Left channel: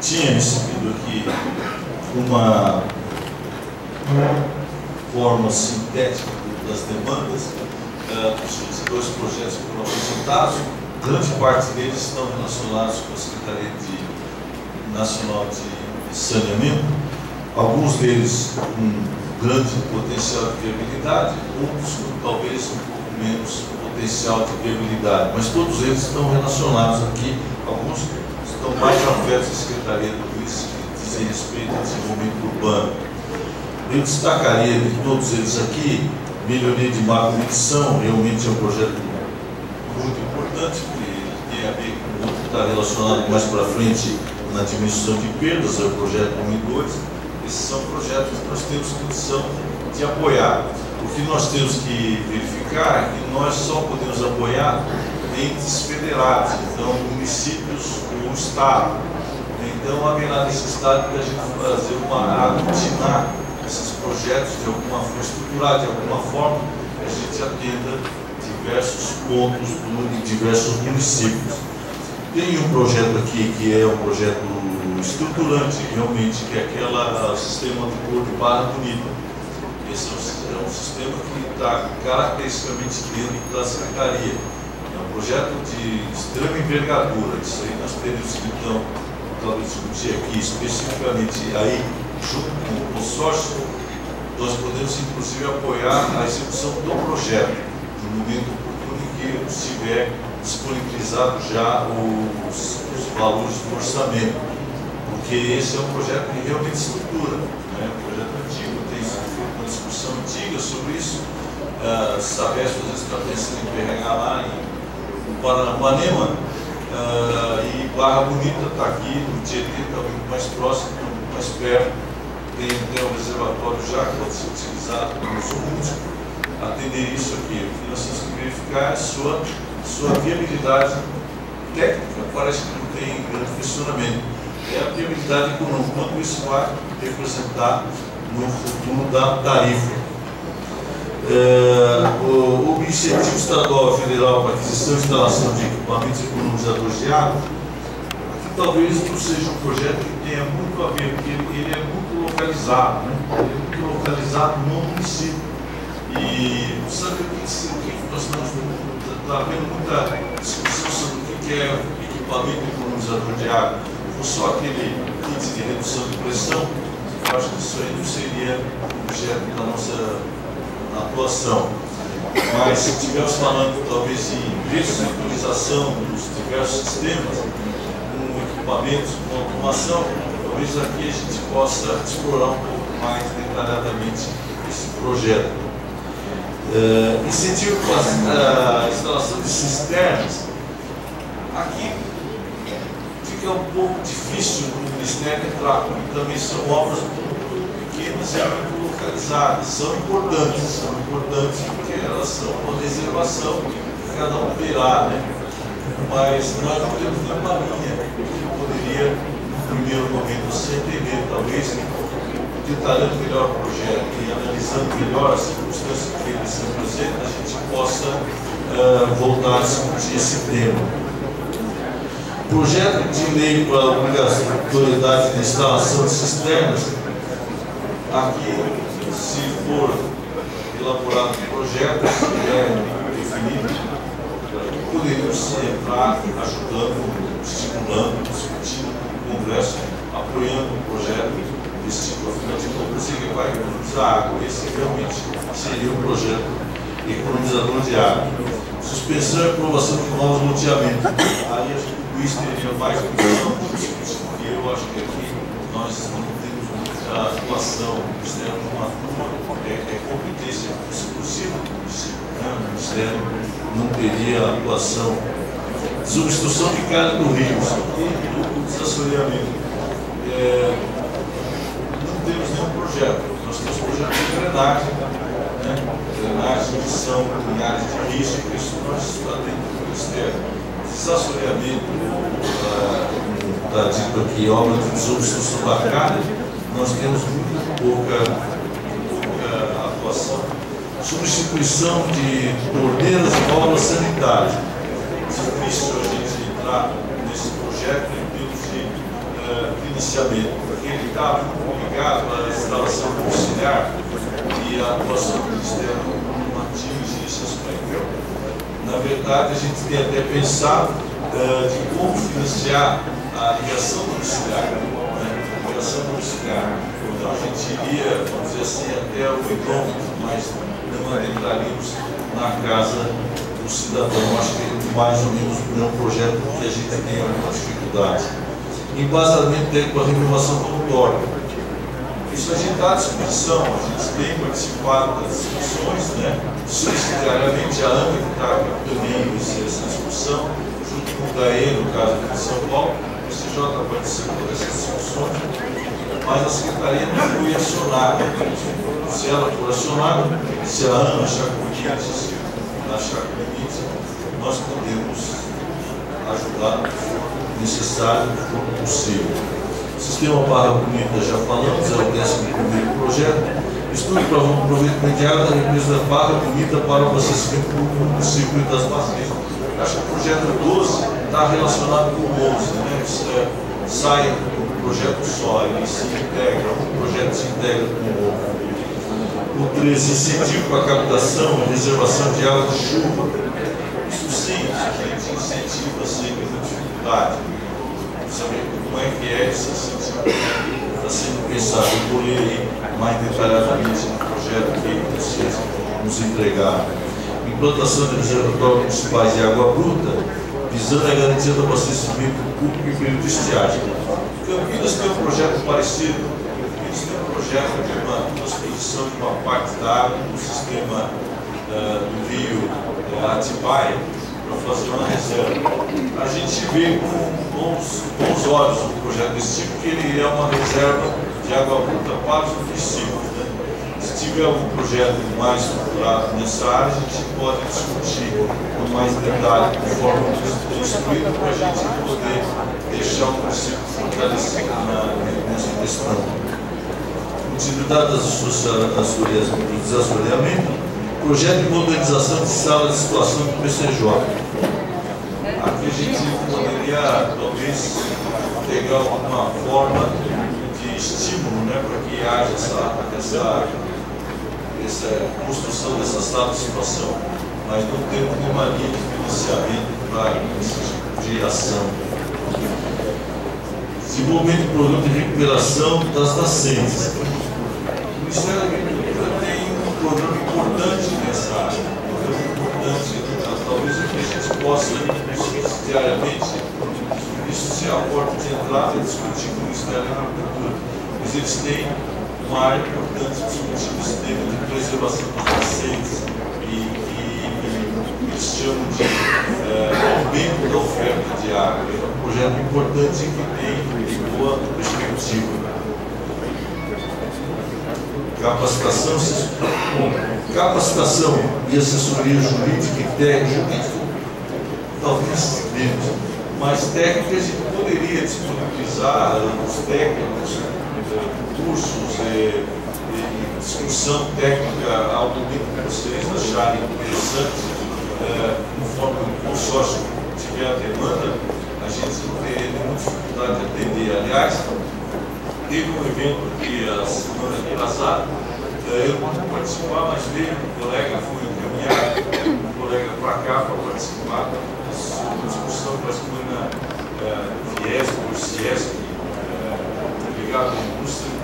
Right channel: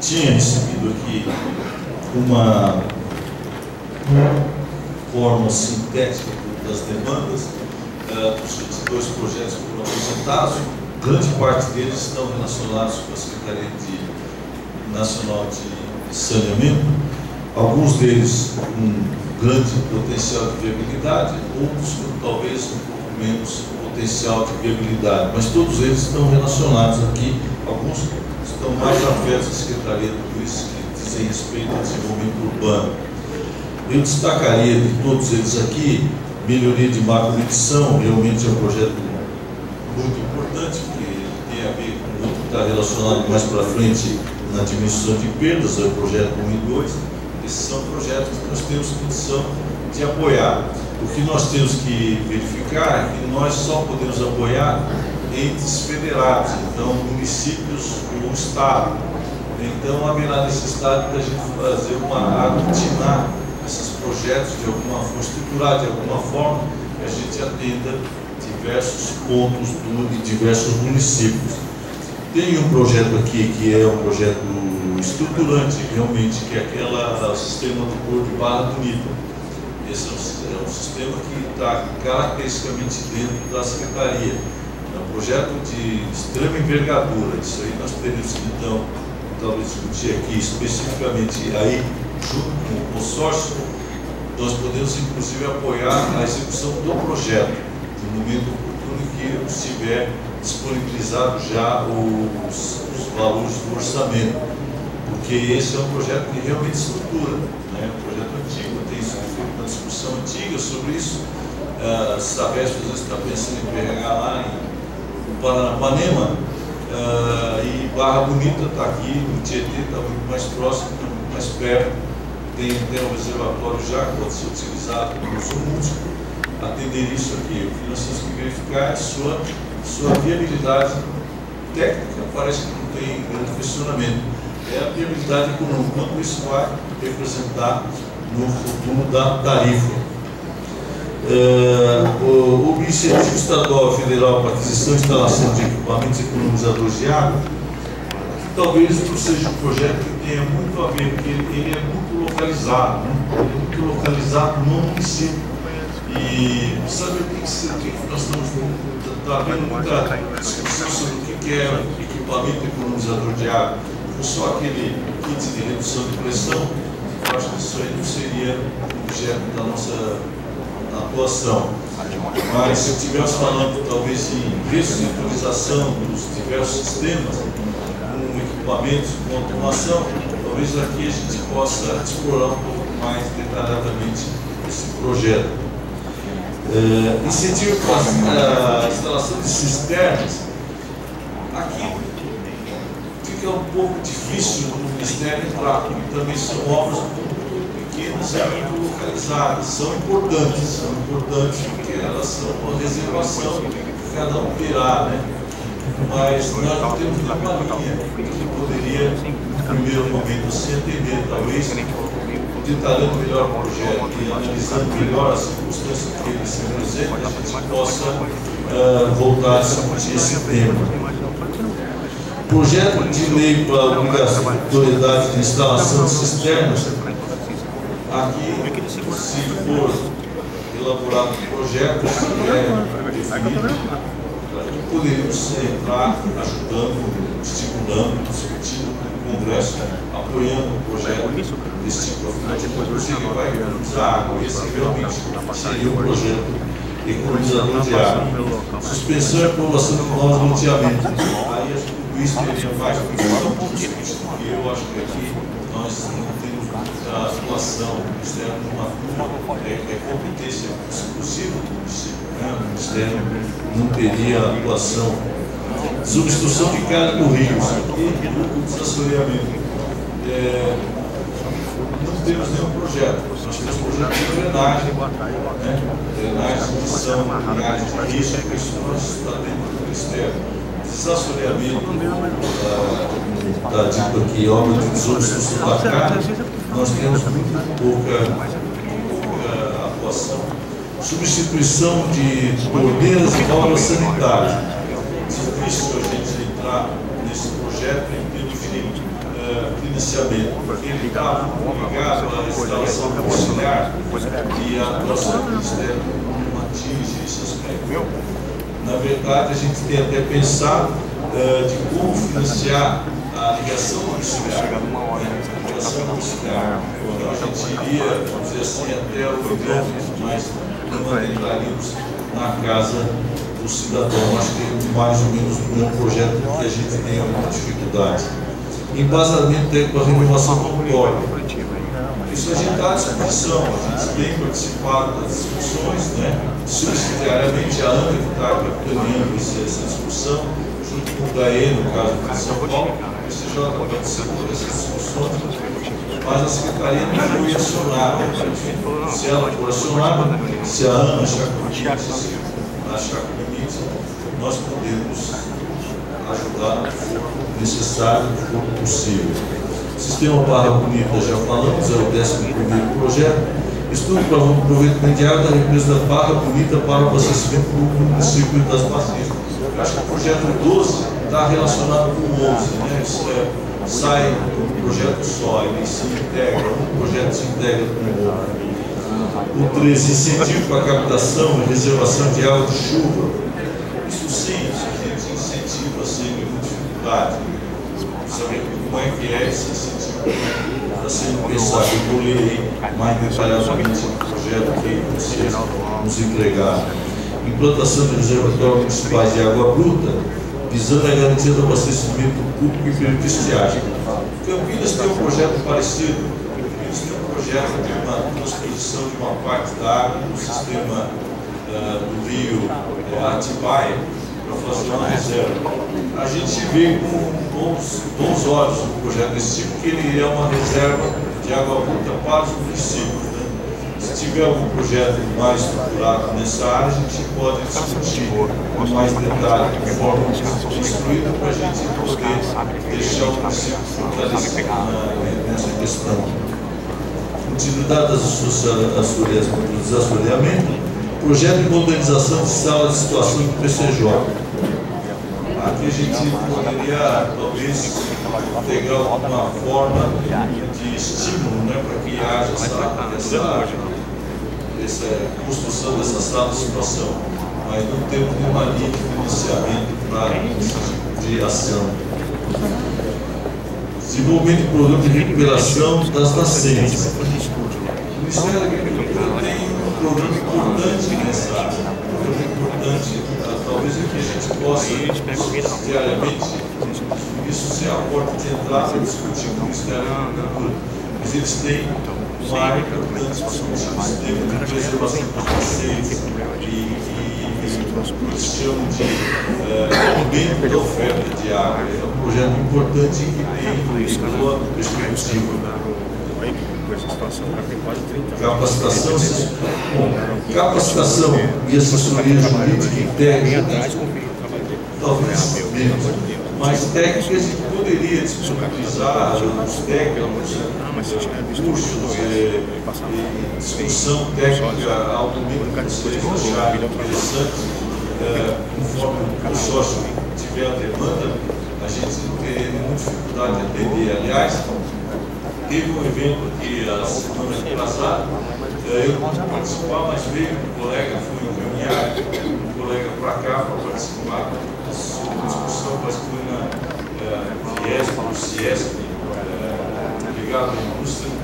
tinha recebido aqui uma forma sintética das demandas dos dois projetos que foram apresentados. Grande parte deles estão relacionados com a Secretaria Nacional de Saneamento, alguns deles com grande potencial de viabilidade, outros com talvez um pouco menos potencial de viabilidade, mas todos eles estão relacionados aqui, alguns estão mais afetos à Secretaria do Luiz, que dizem respeito ao desenvolvimento urbano. Eu destacaria de todos eles aqui, melhoria de macro-medição, realmente é um projeto muito importante, porque tem a ver com o que está relacionado mais para frente na diminuição de perdas, é o projeto 1 e 2. Esses são projetos que nós temos condição de apoiar. O que nós temos que verificar é que nós só podemos apoiar entes federados, então municípios ou Estado. Então haverá necessidade de a gente fazer aglutinar esses projetos de alguma forma, estruturar de alguma forma, que a gente atenda diversos pontos de diversos municípios. Tem um projeto aqui que é um projeto estruturante, realmente, que é aquele sistema de cor de Barra Bonita. Esse é um sistema que está caracteristicamente dentro da Secretaria. É um projeto de extrema envergadura. Isso aí nós teremos que, então, talvez discutir aqui especificamente aí, junto com o consórcio, nós podemos inclusive apoiar a execução do projeto, no momento oportuno em que estiver disponibilizado já os valores do orçamento, porque esse é um projeto que realmente estrutura, né? Um projeto antigo, tem feito uma discussão antiga sobre isso. A Sabesp às vezes está pensando em pegar lá em Paranapanema, e Barra Bonita está aqui, no Tietê está muito mais próximo, muito mais perto, tem um reservatório já que pode ser utilizado como uso múltiplo, atender isso aqui. O que nós temos que verificar é a sua viabilidade técnica, parece que não tem grande questionamento. É a viabilidade econômica, quanto isso vai representar no futuro da tarifa. O incentivo estadual e federal para aquisição e instalação de equipamentos economizadores de água, que talvez não seja um projeto que tenha muito a ver, porque ele é muito localizado, né? Ele é muito localizado no município. E sabe o que nós estamos havendo muita discussão sobre o que é equipamento economizador de água? Ou só aquele kit de redução de pressão, eu acho que isso aí não seria objeto da nossa atuação. Mas se estivermos falando talvez em reestruturização dos diversos sistemas, com equipamentos, com automação, talvez aqui a gente possa explorar um pouco mais detalhadamente esse projeto. Incentivo para a instalação de cisternas. Aqui fica um pouco difícil no Ministério entrar, porque também são obras pequenas e muito localizadas. São importantes porque elas são uma reservação que cada um terá, né? Mas nós não temos nenhuma linha que poderia, no primeiro momento, se entender, talvez, detalhando melhor o projeto e analisando melhor as circunstâncias que ele se apresenta, a gente possa voltar a discutir esse tema. Projeto de lei para a obrigatoriedade de instalação de cisternas. Aqui, se for elaborado um projeto, se é definido, poderíamos entrar ajudando, estimulando, discutindo com o Congresso, apoiando o projeto desse tipo, afinal de contas, ele vai economizar água. Esse realmente seria um projeto economizador de água. Suspensão e aprovação de novos loteamentos. Aí acho que o Luiz teria mais condição de discutir, porque eu acho que aqui nós não temos a atuação, o Ministério não atua, é competência exclusiva do município, né? O Ministério não teria atuação. Substituição de carga do rio, e o desassoreamento. Não temos nenhum projeto, nós temos projeto de drenagem, né? Drenagem que são em áreas de risco, isso nós está dentro do Ministério. Desassoreamento, está dito aqui, obra de substituição da carga, nós temos muito pouca atuação. Substituição de torneiras e obras sanitárias. É difícil a gente entrar nesse projeto em termos de financiamento, porque ele estava ligado à instalação domiciliar e a atuação do Ministério não atinge esse aspecto. Na verdade, a gente tem até pensado de como financiar a ligação domiciliar. Então a gente iria, vamos dizer assim, até o quilômetro, mas não entraríamos na casa do cidadão. Acho que é mais ou menos o mesmo projeto que a gente tem alguma dificuldade. Embasamento técnico para renovação voluntária. Isso a gente está à disposição, a gente tem participado das discussões, né? Subsidiariamente a ANA que está capitaneando essa discussão, junto com o DAE, no caso aqui de São Paulo, o CJ participou dessas discussões, mas a Secretaria não foi acionada. Se ela for acionada, se a ANA achar limite, nós podemos ajudar no que for necessário, no que for possível. Sistema Barra Bonita, já falamos, é o 11º projeto. Estudo para o aproveitamento de água da represa da Barra Bonita para o abastecimento do município das bacias. Acho que o projeto 12 está relacionado com o 11, né? Sai do projeto só, ele se integra, um projeto se integra com o outro. O 13, incentivo para a captação e reservação de água de chuva. Isso sim, a gente incentiva sem nenhuma dificuldade. Saber como é que é esse incentivo está sendo pensado. Eu vou ler mais detalhadamente no projeto que vocês nos entregaram. Implantação de reservatórios municipais de água bruta, visando a garantia do abastecimento público e período de estiagem. Campinas tem um projeto parecido. Campinas tem um projeto de uma transposição de uma parte da água no sistema do rio Atibaia para fazer uma reserva. A gente vê com bons olhos um projeto desse tipo, que ele é uma reserva de água bruta para os municípios. Se tiver algum projeto mais estruturado nessa área, a gente pode discutir com mais detalhe, de forma instruída, para a gente poder deixar o município fortalecido nessa questão. Utilidade dos assoreamentos, projeto de modernização de sala de situação do PCJ. Aqui a gente poderia, talvez, pegar alguma forma de estímulo, né, para que haja essa construção dessa sala de situação, mas não temos nenhuma linha de financiamento para esse tipo de ação. Desenvolvimento de produto de recuperação das nascentes. O Ministério da Agricultura tem um programa importante nessa área, talvez a gente possa, diariamente, isso seja a porta de entrada e discutir com o Ministério da Agricultura, mas eles têm uma área importante discutir o sistema de preservação das nascentes e eles chamam de aumento da oferta de água. É um projeto importante que tem boa perspectiva. Capacitação e assessoria jurídica e técnica, talvez menos, mas técnica a gente poderia disponibilizar os técnicos, cursos e discussão técnica ao domingo que vocês acharem interessante, conforme o consórcio tiver a demanda, a gente não tem nenhuma dificuldade de atender. Aliás, teve um evento aqui a semana passada, eu não pude participar, mas veio um colega, foi encaminhado, um colega para cá para participar da discussão, parece que foi na Fiesp ou Ciesp, ligado à indústria,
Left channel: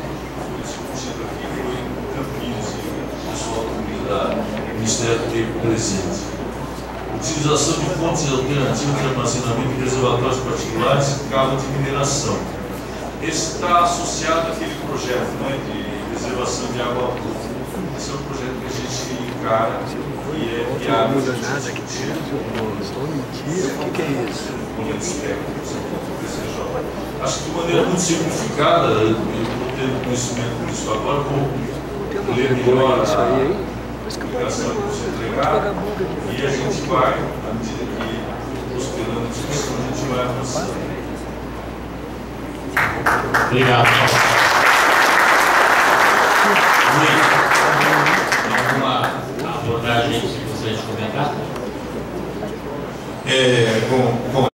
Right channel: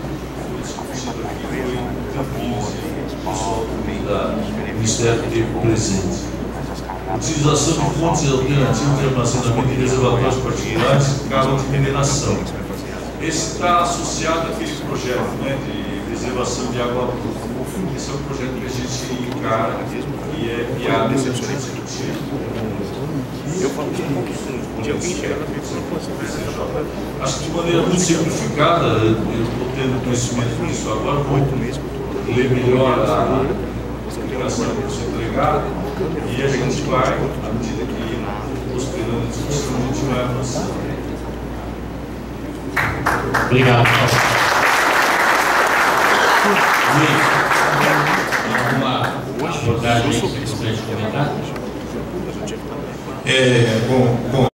foi discutido aqui, foi em Campinas, e o pessoal do Ministério teve presente. Utilização de fontes alternativas de armazenamento de reservatórios particulares e cava de mineração. Esse está associado àquele projeto, né, de reservação de água bruta. Esse é um projeto que a gente encara e é viável de discutir. Acho que de maneira muito simplificada, eu estou tendo conhecimento disso agora, vou ler melhor a explicação que você entregar e a gente vai, à medida que prosperando a discussão, a gente vai avançando. Obrigado. Alguma abordagem que você gostaria de comentar? Bom,